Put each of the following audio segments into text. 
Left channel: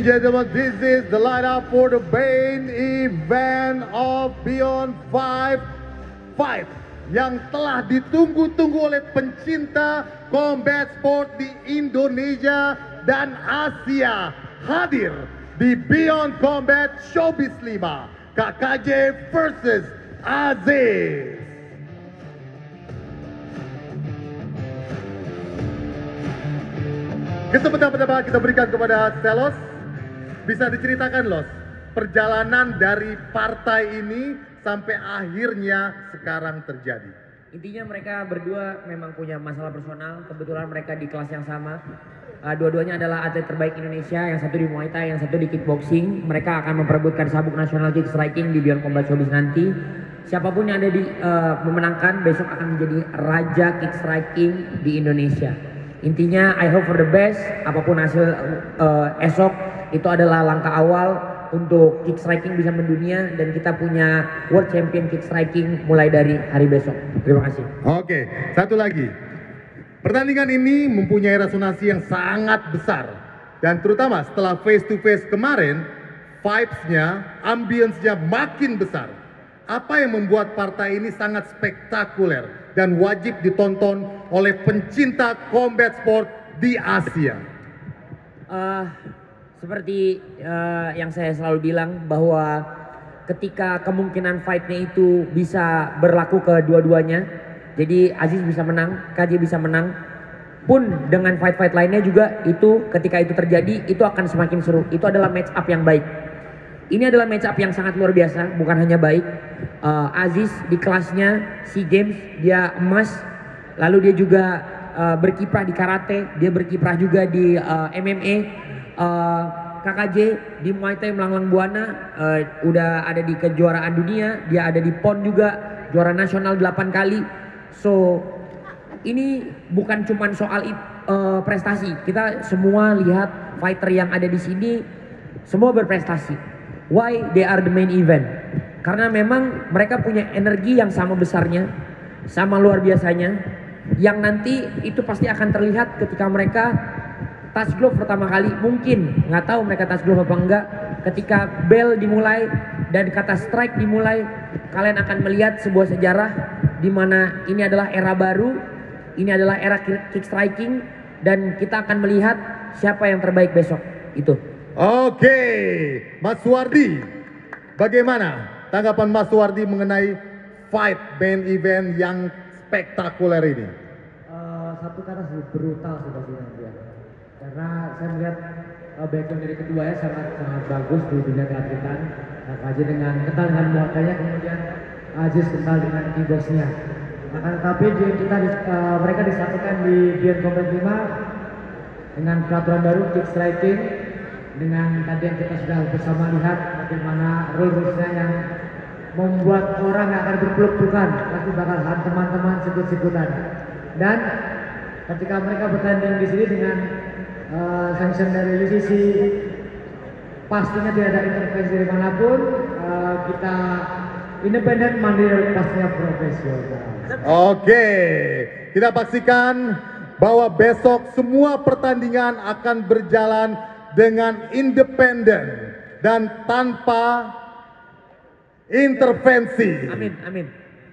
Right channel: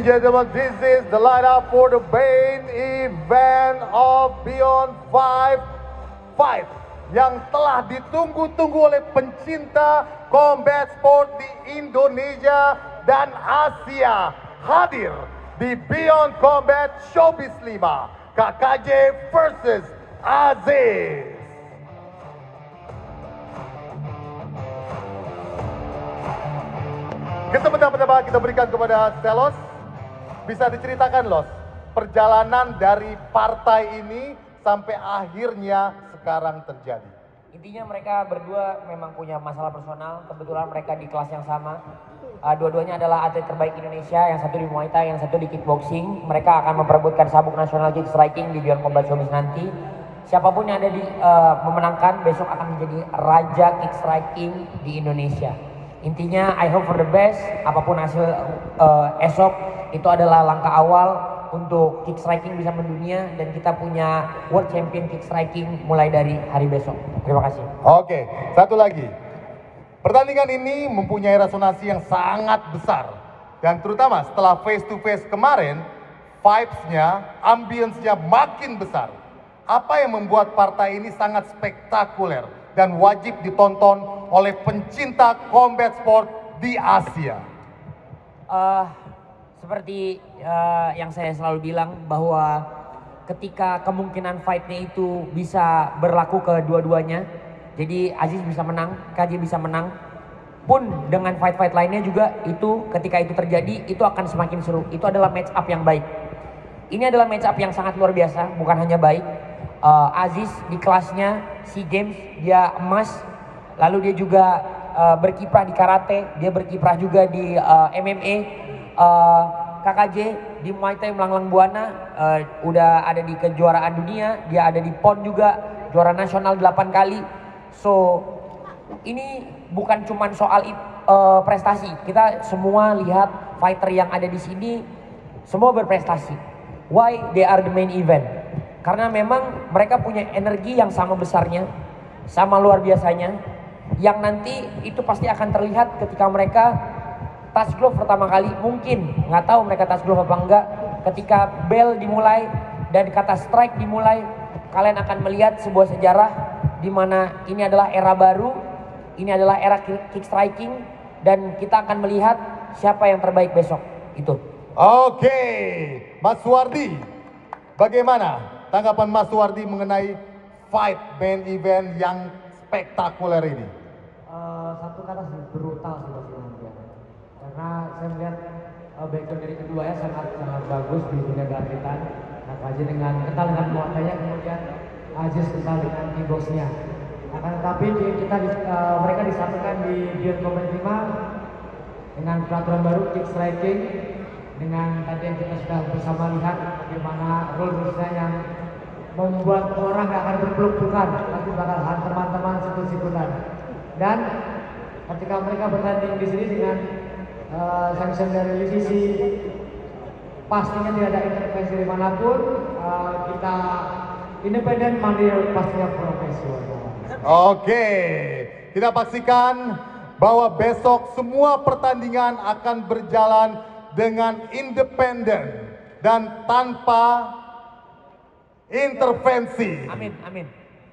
and gentlemen, this is the lineup for the main event of Beyond 5 Fight yang telah ditunggu-tunggu oleh pencinta combat sport di Indonesia dan Asia. Hadir di Beyond Combat Showbiz 5, KKJ versus Aziz. Kesempatan pertama kita berikan kepada Selos. Bisa diceritakan, Los, perjalanan dari partai ini sampai akhirnya sekarang terjadi. Intinya mereka berdua memang punya masalah personal. Kebetulan mereka di kelas yang sama. Dua-duanya adalah atlet terbaik Indonesia. Yang satu di Muay Thai, yang satu di kickboxing. Mereka akan memperebutkan sabuk nasional kick striking di Beyond Combat Showbiz nanti. Siapapun yang ada di memenangkan besok akan menjadi raja kick striking di Indonesia. Intinya I hope for the best. Apapun hasil esok, itu adalah langkah awal untuk kick striking bisa mendunia, dan kita punya world champion kick striking mulai dari hari besok. Terima kasih. Oke, satu lagi. Pertandingan ini mempunyai resonansi yang sangat besar, dan terutama setelah face to face kemarin, vibes-nya, ambience-nya makin besar. Apa yang membuat partai ini sangat spektakuler dan wajib ditonton oleh pencinta combat sport di Asia? Seperti yang saya selalu bilang, bahwa ketika kemungkinan fight-nya itu bisa berlaku ke dua-duanya, jadi Aziz bisa menang, KJ bisa menang, pun dengan fight-fight lainnya juga, itu ketika itu terjadi, itu akan semakin seru. Itu adalah match up yang baik. Ini adalah match up yang sangat luar biasa, bukan hanya baik. Aziz di kelasnya SEA Games dia emas, lalu dia juga berkiprah di karate, dia berkiprah juga di MMA. KKJ di Muay Thai melanglang buana, udah ada di kejuaraan dunia, dia ada di PON juga, juara nasional 8 kali. So ini bukan cuman soal prestasi, kita semua lihat fighter yang ada di sini semua berprestasi. Why they are the main event? Karena memang mereka punya energi yang sama besarnya, sama luar biasanya, yang nanti itu pasti akan terlihat ketika mereka touch glove pertama kali. Mungkin nggak tahu mereka touch glove apa enggak. Ketika bell dimulai dan kata strike dimulai, kalian akan melihat sebuah sejarah di mana ini adalah era baru, ini adalah era kick striking, dan kita akan melihat siapa yang terbaik besok. Itu. Oke, Mas Suwardi, bagaimana tanggapan Mas Suwardi mengenai fight main event yang spektakuler ini? Satu kata sih, brutal sih pasti dia. Karena saya melihat background dari kedua ya sangat bagus di dunia keatletan. KKJ dengan kental dengan muatanya, kemudian Aziz kental dengan kickboxnya. Akan tetapi mereka disatukan di Beyond Combat 5 dengan peraturan baru kick striking, dengan tadi yang kita sudah bersama lihat bagaimana rule-rulesnya yang membuat orang akan berpeluk-pelukan, pasti bakal teman-teman sikut-sikutan. Dan ketika mereka bertanding di sini dengan sanction dari UCC, pastinya tidak ada intervensi dari manapun, kita independen, mandiri, pastinya profesional. Oke, kita pastikan bahwa besok semua pertandingan akan berjalan dengan independen dan tanpa intervensi. Amin, amin.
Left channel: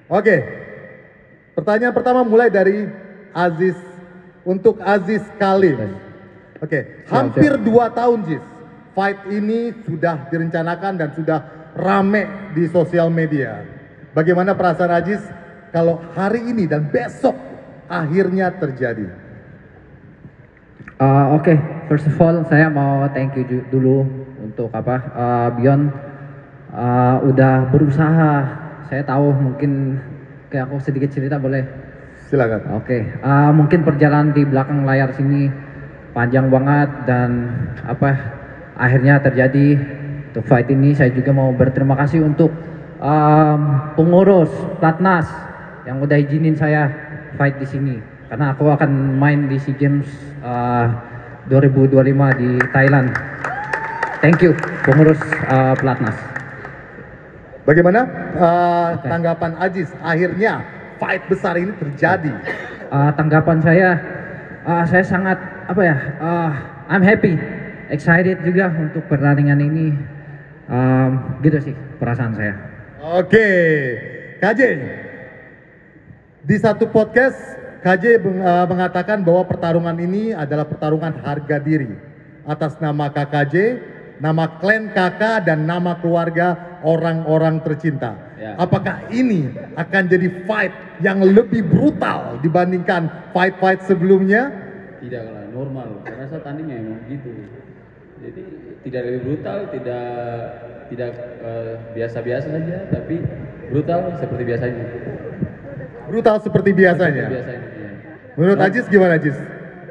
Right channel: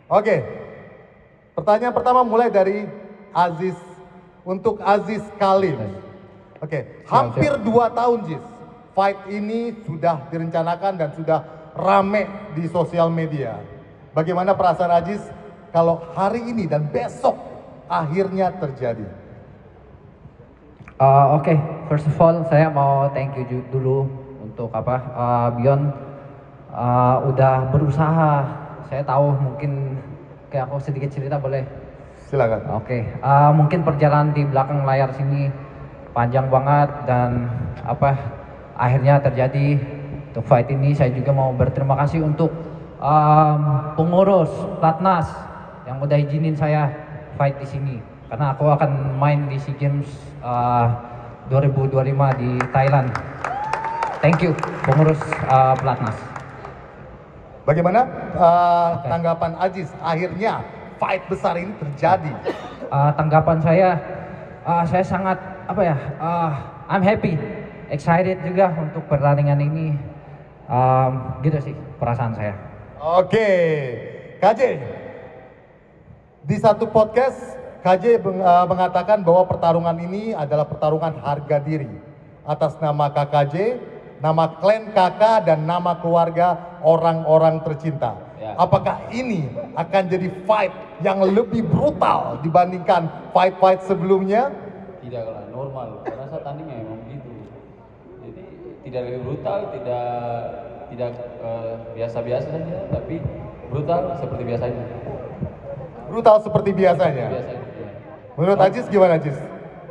Oke, pertanyaan pertama mulai dari Aziz, untuk Aziz Khalif. Oke, hampir 2 tahun Jiz, fight ini sudah direncanakan dan sudah rame di sosial media. Bagaimana perasaan Aziz kalau hari ini dan besok akhirnya terjadi? Oke, first of all saya mau thank you dulu untuk Beyond udah berusaha. Saya tahu mungkin kayak aku sedikit cerita, boleh? Silakan. Oke, mungkin perjalanan di belakang layar sini panjang banget, dan akhirnya terjadi untuk fight ini. Saya juga mau berterima kasih untuk pengurus Platnas yang udah izinin saya fight di sini, karena aku akan main di SEA Games 2025 di Thailand. Thank you pengurus Platnas. Bagaimana tanggapan Aziz akhirnya fight besar ini terjadi? Tanggapan saya sangat I'm happy excited juga untuk pertandingan ini. Gitu sih perasaan saya. Oke, KJ. Di satu podcast, KJ mengatakan bahwa pertarungan ini adalah pertarungan harga diri atas nama KKJ, nama klan kakak dan nama keluarga orang-orang tercinta. Ya. Apakah ini akan jadi fight yang lebih brutal dibandingkan fight-fight sebelumnya? Tidak lah, normal. Karena saya tandingnya emang gitu. Jadi tidak lebih brutal, tidak biasa-biasa saja, tapi brutal seperti biasanya. Brutal seperti biasanya. Biasanya. Ya. Menurut Ajis gimana Ajis?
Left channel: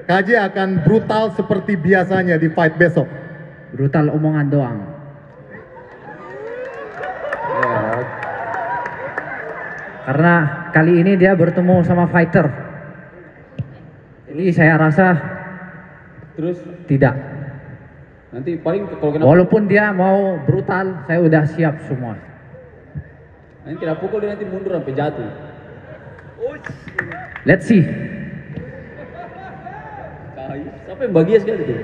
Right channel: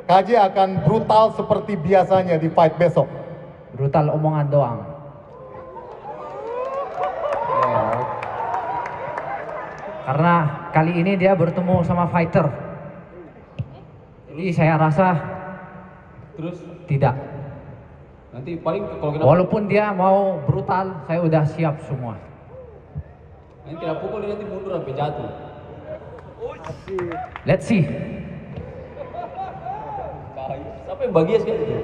KJ akan brutal seperti biasanya di fight besok. Brutal omongan doang. Ya. Karena kali ini dia bertemu sama fighter. Jadi saya rasa Terus tidak. nanti paling kalau kena Walaupun dia mau brutal, saya udah siap semua. nanti kena pukul dia nanti mundur sampai jatuh. Let's see. Siapa yang bahagia sekali itu?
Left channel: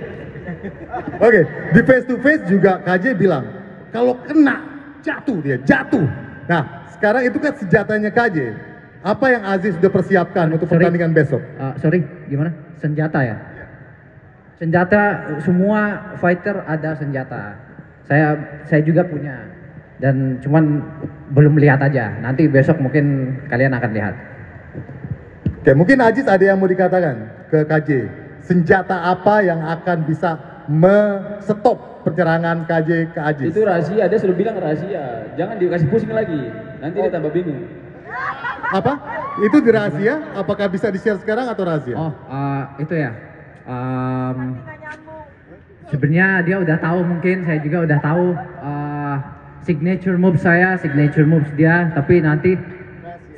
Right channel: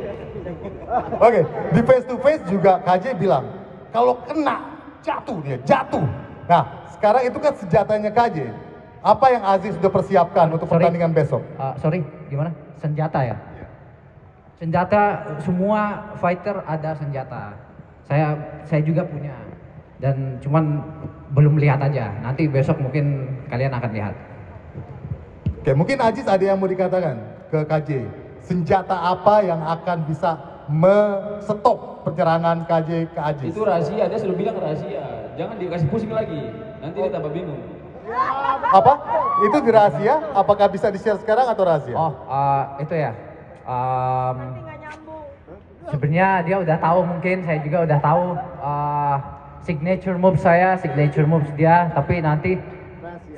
Oke, di face to face juga KJ bilang kalau kena jatuh dia, jatuh. Nah, sekarang itu kan senjatanya KJ. Apa yang Aziz sudah persiapkan untuk Sorry. pertandingan besok? Sorry, gimana? Senjata ya? Senjata, semua fighter ada senjata. Saya juga punya. Dan cuman belum lihat aja. Nanti besok mungkin kalian akan lihat. Oke, mungkin Aziz ada yang mau dikatakan ke KJ. Senjata apa yang akan bisa stop penyerangan KJ ke Aziz? Itu rahasia, dia sudah bilang rahasia. Jangan dikasih pusing lagi. Nanti dia tambah bingung. Apa? Itu di rahasia? Apakah bisa di-share sekarang atau rahasia? Oh, itu ya. Sebenarnya dia udah tahu, mungkin saya juga udah tahu signature moves saya, signature moves dia. Tapi nanti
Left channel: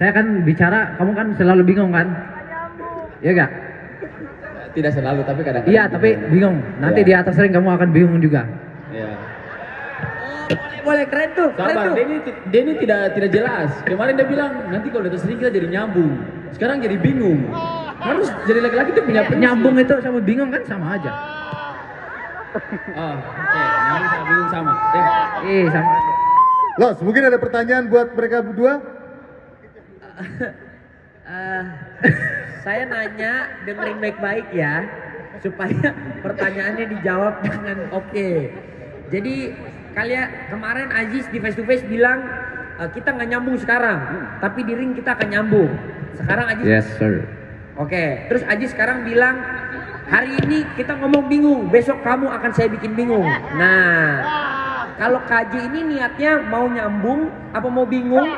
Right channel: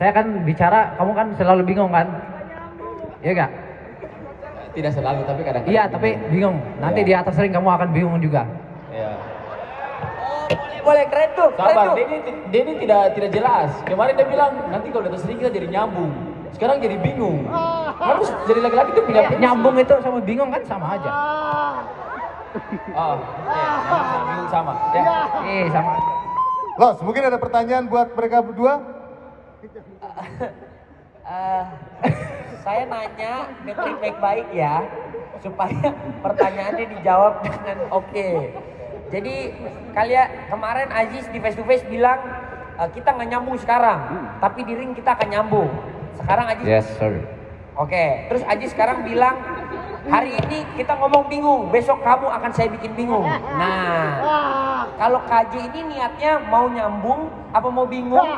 saya kan bicara, kamu kan selalu bingung kan? Iya gak? Tidak selalu, tapi kadang-kadang. Iya, tapi bingung. Nanti Iya. di atas ring kamu akan bingung juga. Iya. Boleh, keren tuh, keren Sabar, tuh. dia ini tidak jelas. Kemarin dia bilang nanti kalau di atas ring kita jadi nyambung. Sekarang jadi bingung. Harus jadi laki-laki itu punya Nyambung itu sama bingung kan sama aja. Nyambung sama bingung sama. Ya. Sama. Los, mungkin ada pertanyaan buat mereka berdua? Saya nanya, dengerin baik-baik ya, supaya pertanyaannya dijawab dengan oke. Jadi kemarin Aziz di face to face bilang kita nggak nyambung sekarang, tapi di ring kita akan nyambung. Sekarang Aziz. Yes, sir. Oke, terus Aziz sekarang bilang hari ini kita ngomong bingung, besok kamu akan saya bikin bingung. Nah, kalau KJ ini niatnya mau nyambung apa mau bingung?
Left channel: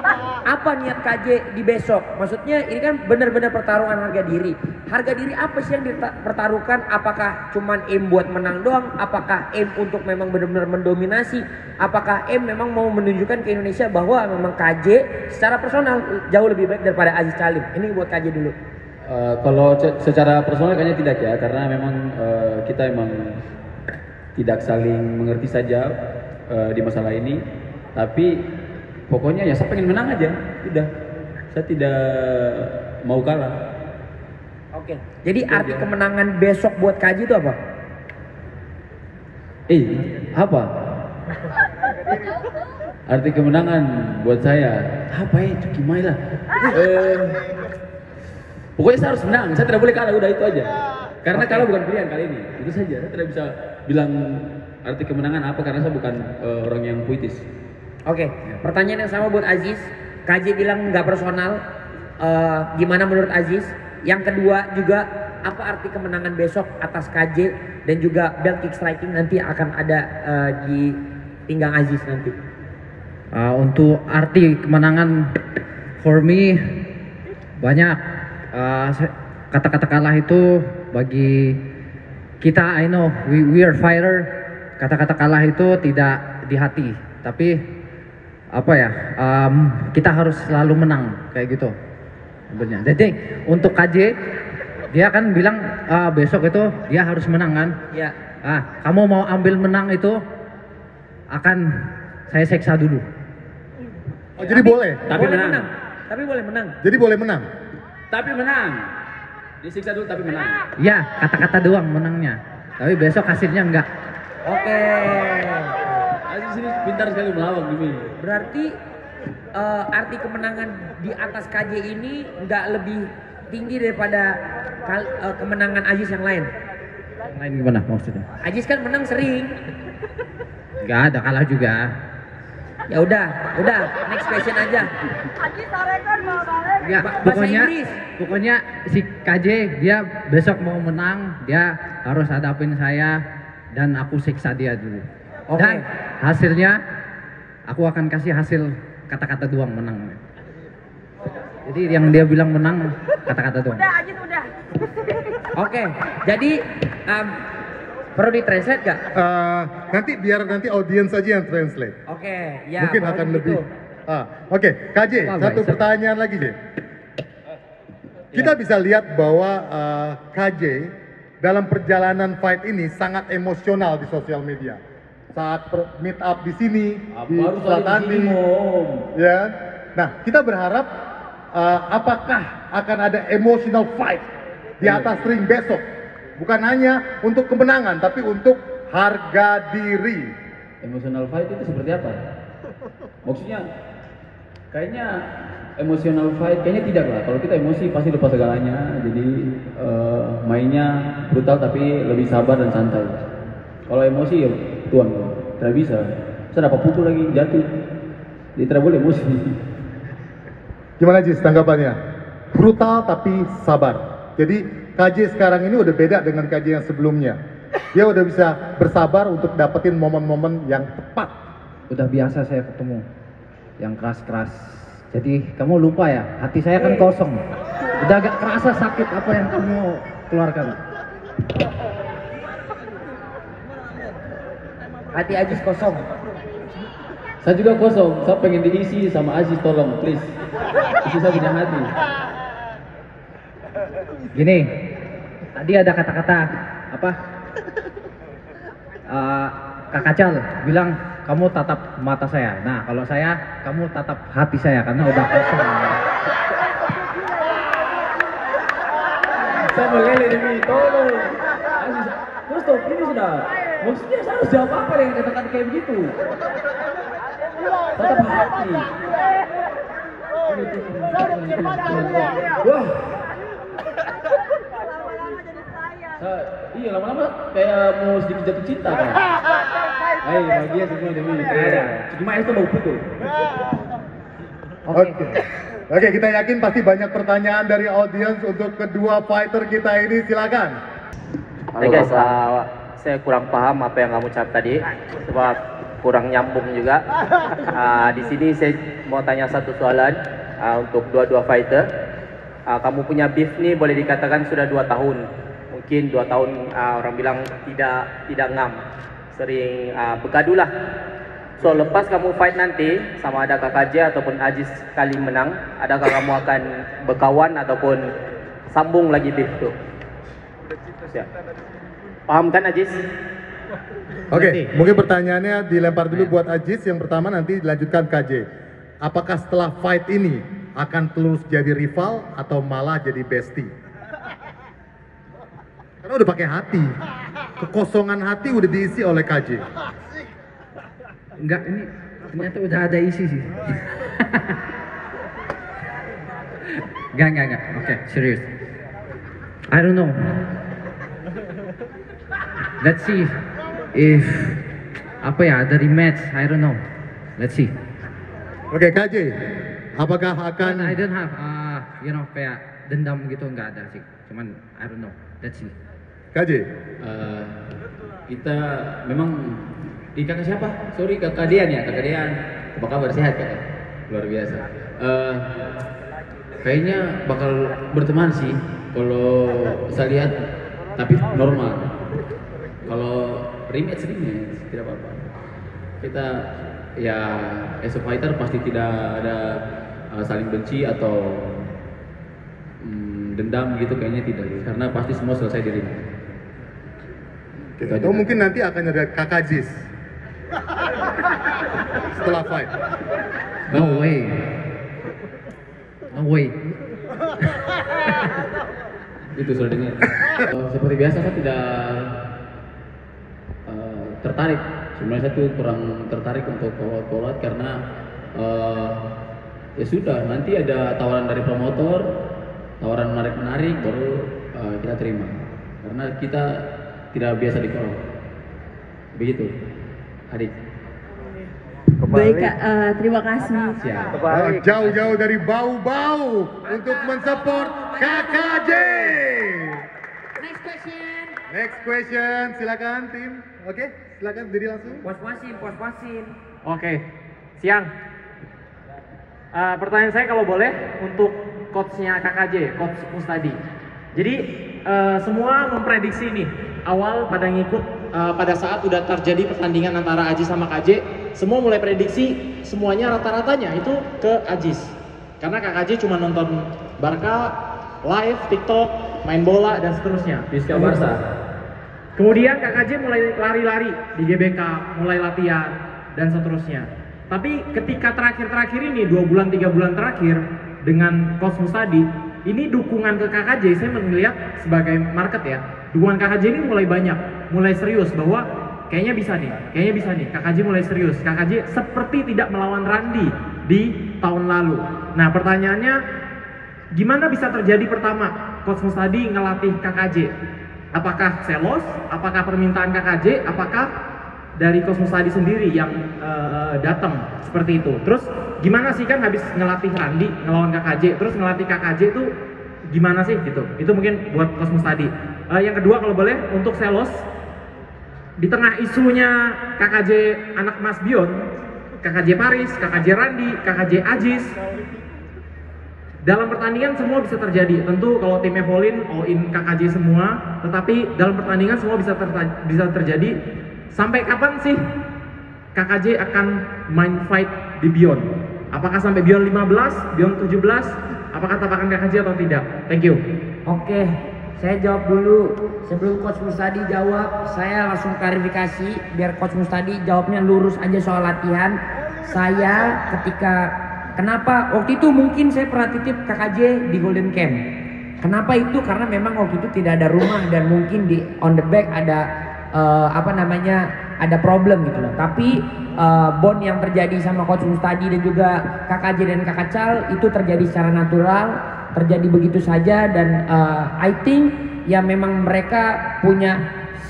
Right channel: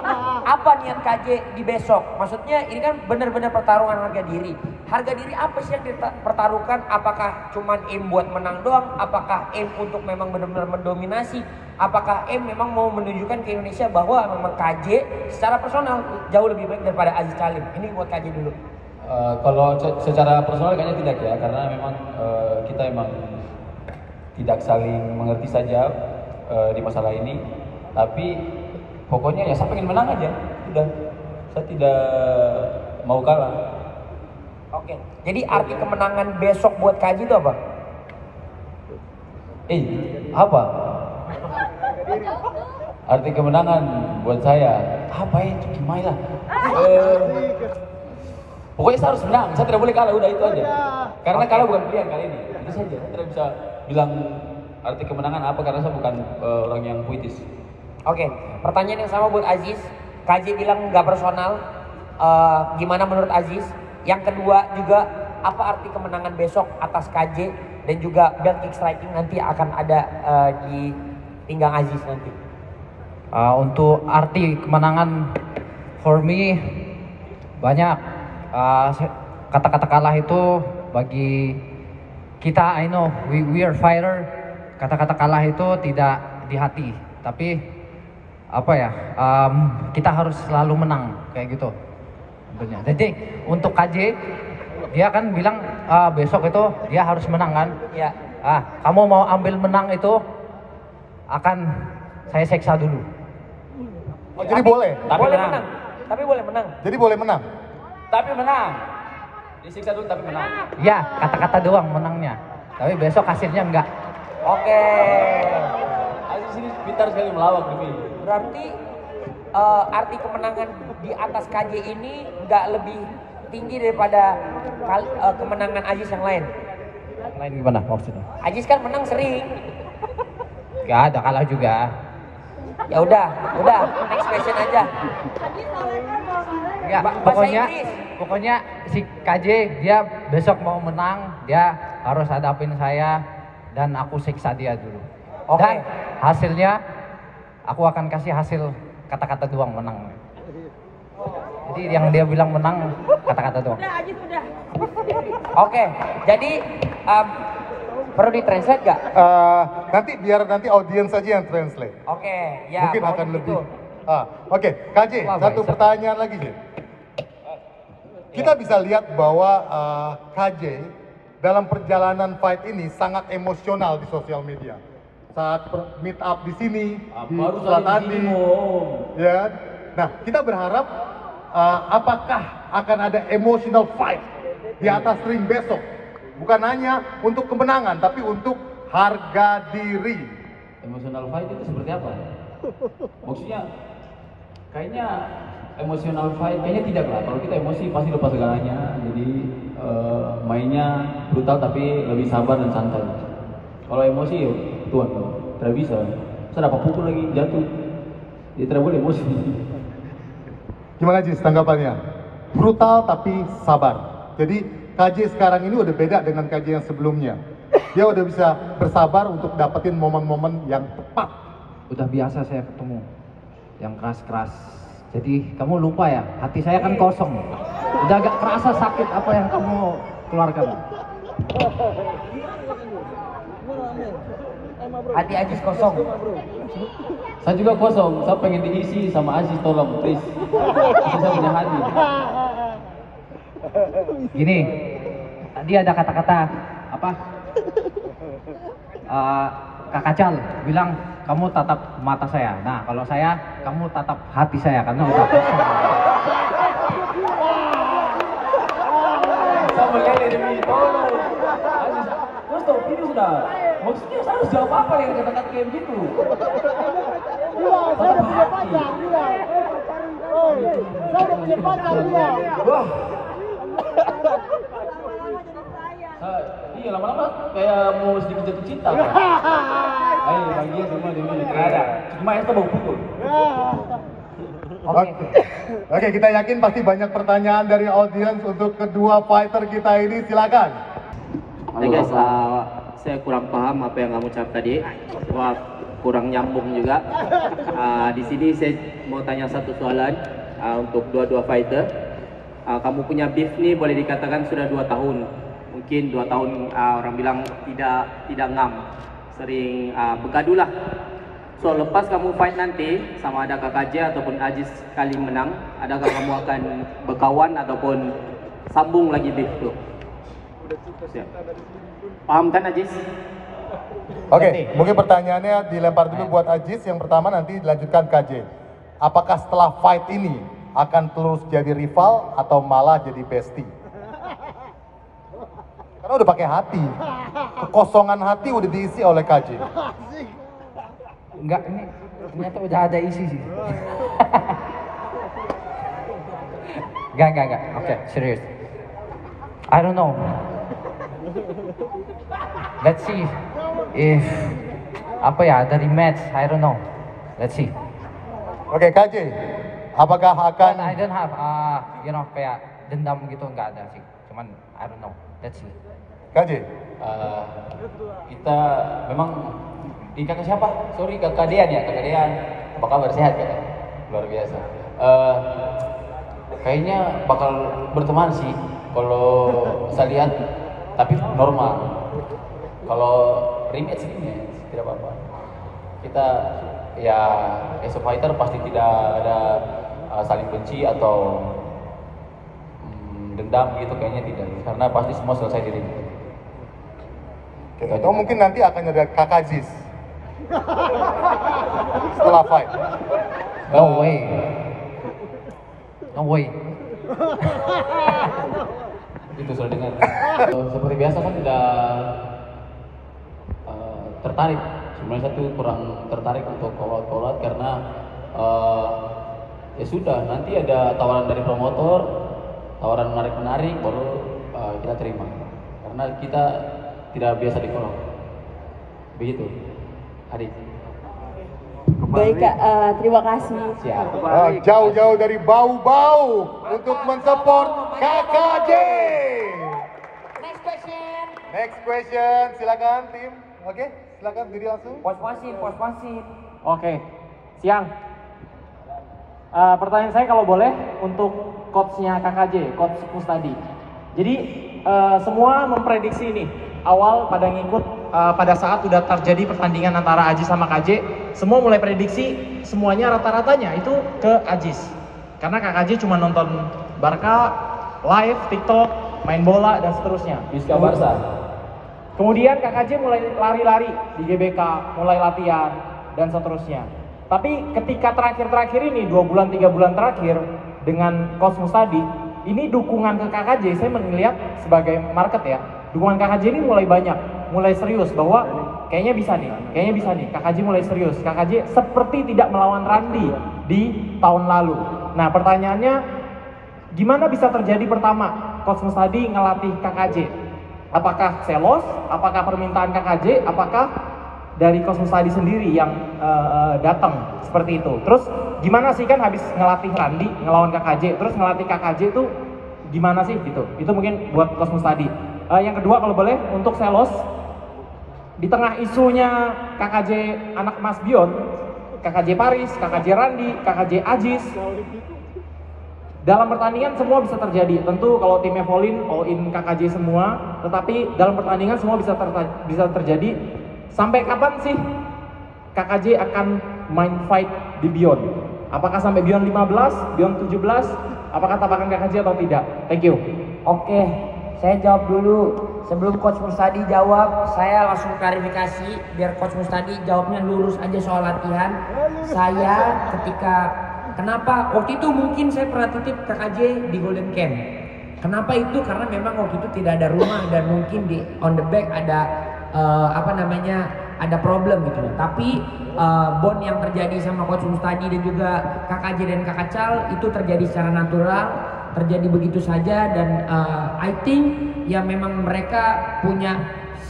Apa niat KJ di besok? Maksudnya ini kan benar-benar pertarungan harga diri. Harga diri apa sih yang dipertaruhkan? Apakah cuman aim buat menang doang? Apakah aim untuk memang benar-benar mendominasi? Apakah aim memang mau menunjukkan ke Indonesia bahwa memang KJ secara personal jauh lebih baik daripada Aziz Salim? Ini buat KJ dulu. Kalau secara personal kayaknya tidak ya, karena memang kita emang tidak saling mengerti saja di masalah ini. Tapi pokoknya ya saya pengen menang aja, udah. Saya tidak mau kalah. Oke. Jadi arti kemenangan besok buat KJ itu apa? Apa? Arti kemenangan buat saya apa ya? Gimana lah? Pokoknya saya harus menang, saya tidak boleh kalah, udah itu aja. Karena kalah bukan pilihan kali ini, itu saja. Saya tidak bisa bilang arti kemenangan apa karena saya bukan orang yang puitis. Oke, pertanyaan yang sama buat Aziz. KJ bilang nggak personal. Gimana menurut Aziz? Yang kedua juga, apa arti kemenangan besok atas KJ dan juga belt kick striking nanti akan ada di pinggang Aziz nanti? Untuk arti kemenangan, for me banyak. Kata-kata kalah itu bagi kita, I know we are fighter. Kata-kata kalah itu tidak di hati, tapi apa ya, kita harus selalu menang kayak gitu sebenarnya. Jadi untuk KJ, dia kan bilang besok itu dia harus menang kan. Ya. Kamu mau ambil menang itu akan saya seksa dulu. Oh, jadi boleh? Tapi boleh menang. menang. Tapi boleh menang. Jadi boleh menang? Tapi menang. Disiksa dulu tapi menang. Ya, kata-kata doang menangnya. Tapi besok hasilnya enggak. Oke. Aziz ini pintar sekali melawan demi. Berarti arti kemenangan di atas KJ ini nggak lebih tinggi daripada kemenangan Aziz yang lain. Yang lain gimana maksudnya? Aziz kan menang sering. Gak ada kalah juga. Ya udah, next question aja. Ya, pokoknya si KJ dia besok mau menang, dia harus hadapin saya dan aku siksa dia dulu. Oke. Dan hasilnya aku akan kasih hasil kata-kata doang menang. Jadi yang dia bilang menang kata-kata doang. Oke, jadi perlu ditranslate gak? Nanti audiens saja yang translate. Oke, ya. Mungkin mau akan begitu. lebih. Oke, KJ, Wah, satu baik. pertanyaan lagi, J. Kita bisa lihat bahwa KJ dalam perjalanan fight ini sangat emosional di sosial media. Saat meet up di sini, di Baru saat saja di tadi, sini, Om. ya. Nah, kita berharap apakah akan ada emotional fight di atas ring besok? Bukan hanya untuk kemenangan, tapi untuk harga diri. Emotional fight itu seperti apa? Maksudnya kayaknya emotional fight kayaknya tidak lah. Kalau kita emosi pasti lepas segalanya. Jadi mainnya brutal tapi lebih sabar dan santai. Kalau emosi ya tuan, tidak bisa. Saya dapat pukul lagi jatuh. Jadi tidak boleh emosi. Gimana Jis tanggapannya? Brutal tapi sabar. Jadi KJ sekarang ini udah beda dengan KJ yang sebelumnya. Dia udah bisa bersabar untuk dapetin momen-momen yang tepat. Udah biasa saya ketemu yang keras-keras. Jadi kamu lupa ya, hati saya kan kosong. Udah agak kerasa sakit apa yang kamu keluarkan. Hati Aziz kosong. Saya juga kosong. Saya pengen diisi sama Aziz, tolong please. Kasih saya punya hati. Gini, tadi ada kata-kata apa? Kak Cal bilang kamu tatap mata saya. Nah, kalau saya, kamu tatap hati saya karena udah kosong. Saya meleleh demi tolong. Aziz, terus stop ini sudah. Maksudnya saya harus jawab apa yang dikatakan kayak begitu? Tatap hati. Wah. Iya lama-lama kayak mau sedikit jatuh cinta. Ayo bahagia semua demi ada. Cuma itu mau pukul. Oke, kita yakin pasti banyak pertanyaan dari audiens untuk kedua fighter kita ini. Silakan. Hai guys, saya kurang paham apa yang kamu ucap tadi, sebab kurang nyambung juga. Di sini saya mau tanya satu soalan untuk dua-dua fighter. Kamu punya beef nih boleh dikatakan sudah 2 tahun. Mungkin 2 tahun orang bilang tidak ngam, sering bergaduh lah. So lepas kamu fight nanti sama ada KJ ataupun Aziz kali menang, adakah kamu akan berkawan ataupun sambung lagi beef tuh? Paham kan Aziz? Oke, mungkin pertanyaannya dilempar dulu buat Aziz. Yang pertama nanti dilanjutkan KJ. Apakah setelah fight ini akan terus jadi rival atau malah jadi bestie? Karena udah pakai hati. Kekosongan hati udah diisi oleh KJ. Enggak, ini ternyata udah ada isi sih. Enggak. Oke, serius. I don't know. Let's see if apa ya dari match. I don't know. Let's see. Oke, KJ. Apakah akan I don't have kayak dendam gitu nggak ada sih. Cuman I don't know. Let's see. KJ? Kita memang di kakak siapa? Sorry kakak Dian ya, kakak Dian. Apa kabar, sehat ya? Luar biasa. Kayaknya bakal berteman sih kalau saya lihat, tapi normal. Kalau rematch ini tidak apa-apa. Kita ya as a fighter pasti tidak ada saling benci atau dendam gitu, kayaknya tidak, karena pasti semua selesai di ring. Atau mungkin nanti akan ada kakak Aziz setelah fight. No way. No way. Itu sudah dengar. Seperti biasa kan tertarik. Sebenarnya saya tuh kurang tertarik untuk call out karena ya sudah, nanti ada tawaran dari promotor, tawaran menarik baru kita terima. Karena kita tidak biasa di call out. Begitu, Adik. Baik Kak, terima kasih. Siap. Jauh-jauh dari bau-bau untuk mensupport KKJ. Next question, silakan tim. Oke, silakan berdiri langsung. Pos-posin. Oke, siang. Pertanyaan saya kalau boleh untuk coachnya KKJ, Coach Mustadi. Jadi semua memprediksi ini awal pada ngikut pada saat udah terjadi pertandingan antara Aziz sama KJ, semua mulai prediksi semuanya rata-ratanya itu ke Aziz. Karena KKJ cuma nonton Barca live, TikTok, main bola dan seterusnya. Fiska Barca. Kemudian KKJ mulai lari-lari di GBK, mulai latihan dan seterusnya. Tapi ketika terakhir-terakhir ini 2 bulan 3 bulan terakhir dengan Coach Mustadi, ini dukungan ke KKJ saya melihat sebagai market ya. Dukungan KKJ ini mulai banyak, mulai serius bahwa kayaknya bisa nih. KKJ mulai serius. KKJ seperti tidak melawan Randy di tahun lalu. Nah, pertanyaannya gimana bisa terjadi pertama Coach Mustadi ngelatih KKJ? Apakah selos? Apakah permintaan KKJ? Apakah dari Coach Mustadi sendiri yang datang seperti itu? Terus gimana sih kan habis ngelatih Randy, ngelawan KKJ, terus ngelatih KKJ itu gimana sih gitu? Itu mungkin buat Coach Mustadi. Yang kedua kalau boleh untuk selos, di tengah isunya KKJ anak Mas Bion, KKJ Paris, KKJ Randy, KKJ Aziz, dalam pertandingan semua bisa terjadi. Tentu kalau timnya Volin all in KKJ semua, tetapi dalam pertandingan semua bisa terjadi. Sampai kapan sih KKJ akan main fight di Beyond? Apakah sampai Beyond 15, Beyond 17? Apakah tabakan KKJ atau tidak? Thank you. Oke, saya jawab dulu. Sebelum Coach Mustadi jawab, saya langsung klarifikasi biar Coach Mustadi jawabnya lurus aja soal latihan. Saya kenapa waktu itu mungkin saya pernah titip KKJ di Golden Camp. Kenapa itu? Karena memang waktu itu tidak ada rumah dan mungkin di on the back ada ada problem gitu loh. Tapi bond yang terjadi sama Coach Mustadi dan juga KKJ dan Kakak Cal itu terjadi secara natural, terjadi begitu saja dan I think ya memang mereka punya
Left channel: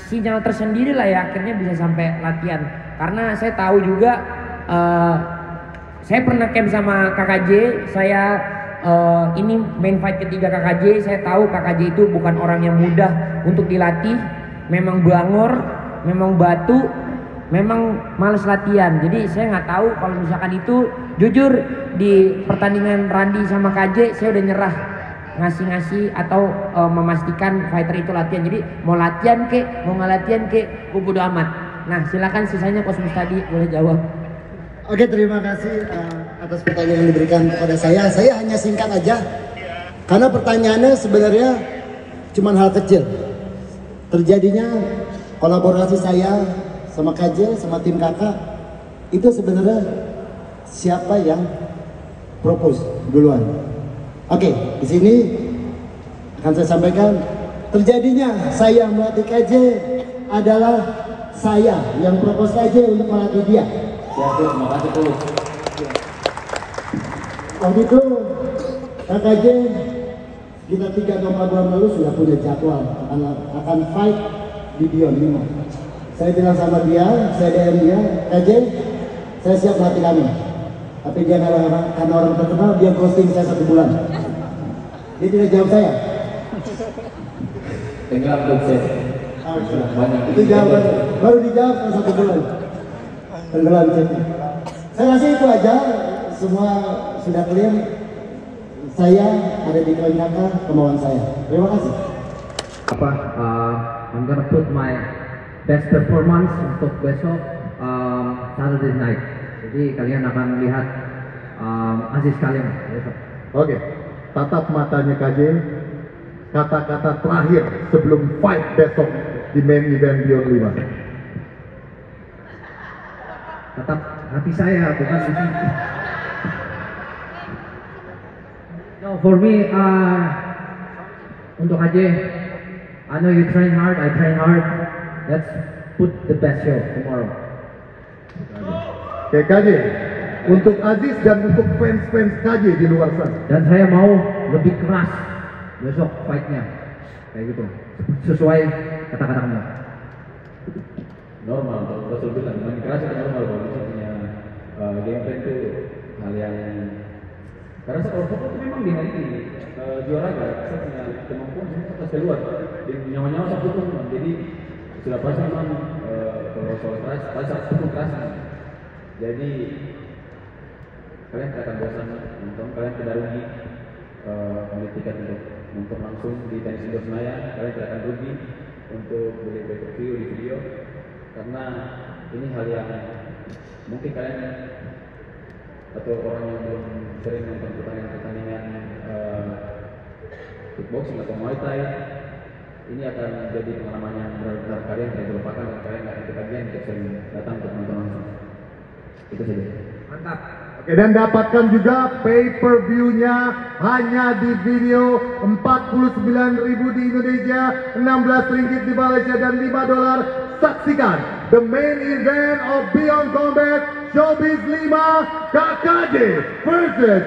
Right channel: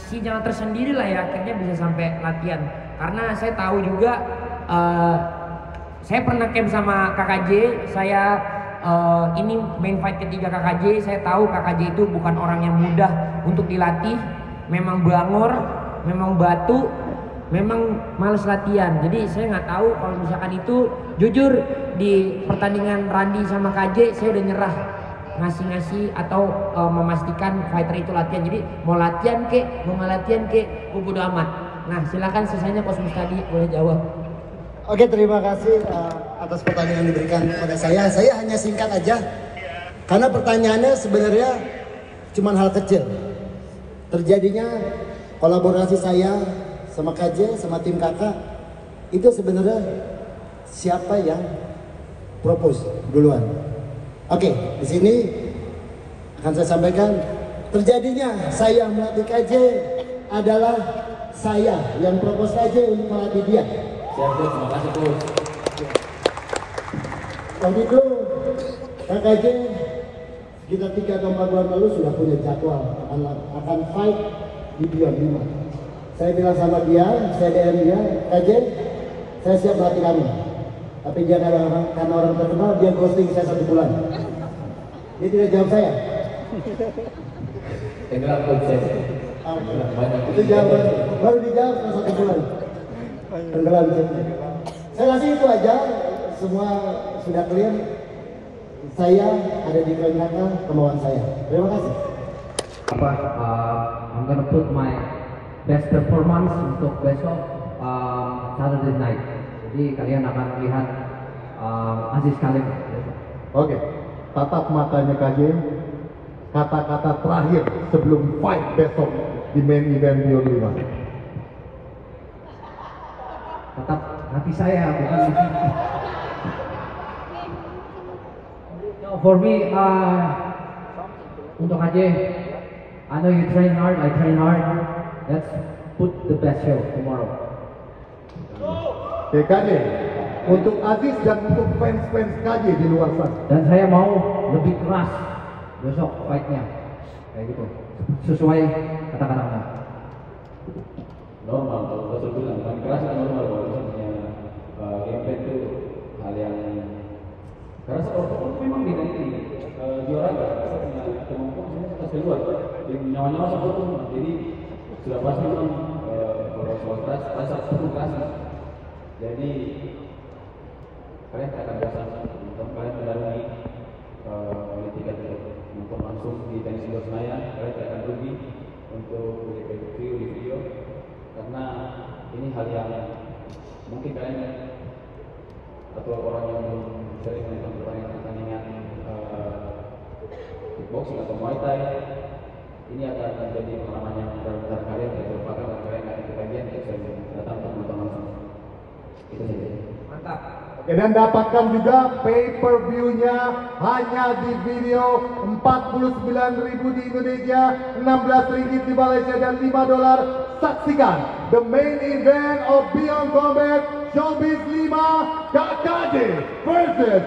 sinyal tersendiri lah ya akhirnya bisa sampai latihan. Karena saya tahu juga saya pernah camp sama KKJ, ini main fight ketiga KKJ, saya tahu KKJ itu bukan orang yang mudah untuk dilatih, memang bangor, memang batu, memang males latihan. Jadi saya nggak tahu kalau misalkan itu, jujur di pertandingan Randy sama KJ saya udah nyerah ngasih atau memastikan fighter itu latihan. Jadi mau latihan kek, mau nggak latihan kek, gue bodo amat. Nah silakan sisanya Coach Mustadi boleh jawab. Oke, terima kasih atas pertanyaan yang diberikan kepada saya. Saya hanya singkat aja, karena pertanyaannya sebenarnya cuma hal kecil. Terjadinya kolaborasi saya sama KJ, sama tim kakak, itu sebenarnya siapa yang propose duluan? Oke, di sini akan saya sampaikan, terjadinya saya melatih KJ adalah saya yang propose KJ untuk melatih dia. Terima kasih tuh. Waktu itu KKJ kita 3 atau 4 bulan lalu sudah punya jadwal akan fight di Beyond 5. Saya bilang sama dia, saya DM dia, KJ, saya siap melatih kamu. Tapi dia karena orang terkenal, dia ghosting saya 1 bulan. Dia tidak jawab saya. Tenggelam tuh saya. Itu jawaban, baru dijawab selama 1 bulan. Tenggelam saya. Saya rasa itu aja, semua sudah clear. Saya ada di poin kakak, kemauan saya. Terima kasih. I'm gonna put my best performance untuk besok Saturday night. Jadi kalian akan melihat Aziz Kalim besok. Oke, tatap matanya KJ. Kata-kata terakhir sebelum fight besok di main event Beyond 5. Tetap hati saya, bukan hati. No, for me, untuk AJ, I know you train hard, I train hard. put the best show tomorrow. Oke, KJ. Untuk Aziz dan untuk fans-fans KJ di luar sana. Dan saya mau lebih keras besok fight-nya. Kayak gitu. Sesuai kata-kata kamu. Normal, kalau Rasul bilang main keras itu normal. Kalau misalnya gameplay itu hal yang karena saya kalau itu memang dia ini juara ya. Saya punya kemampuan saya atas keluar. Dia nyawa-nyawa saya pun jadi sudah pasti memang kalau soal keras pasti satu keras. Jadi kalian tidak akan bosan nonton, kalian tidak rugi beli tiket untuk nonton langsung di tenis indoor Senayan, kalian tidak akan rugi untuk beli pay-per-view di video karena ini hal yang mungkin kalian atau orang yang belum sering menonton pertandingan kickboxing atau muay thai ini akan menjadi pengalaman yang benar-benar kalian tidak terlupakan dan kalian akan ketagihan untuk sering datang untuk menonton langsung. Itu saja. Mantap. Oke, dan dapatkan juga pay-per-view-nya hanya di video 49.000 di Indonesia, 16 ringgit di Malaysia dan $5. Saksikan the main event of Beyond Combat Showbiz 5 KKJ versus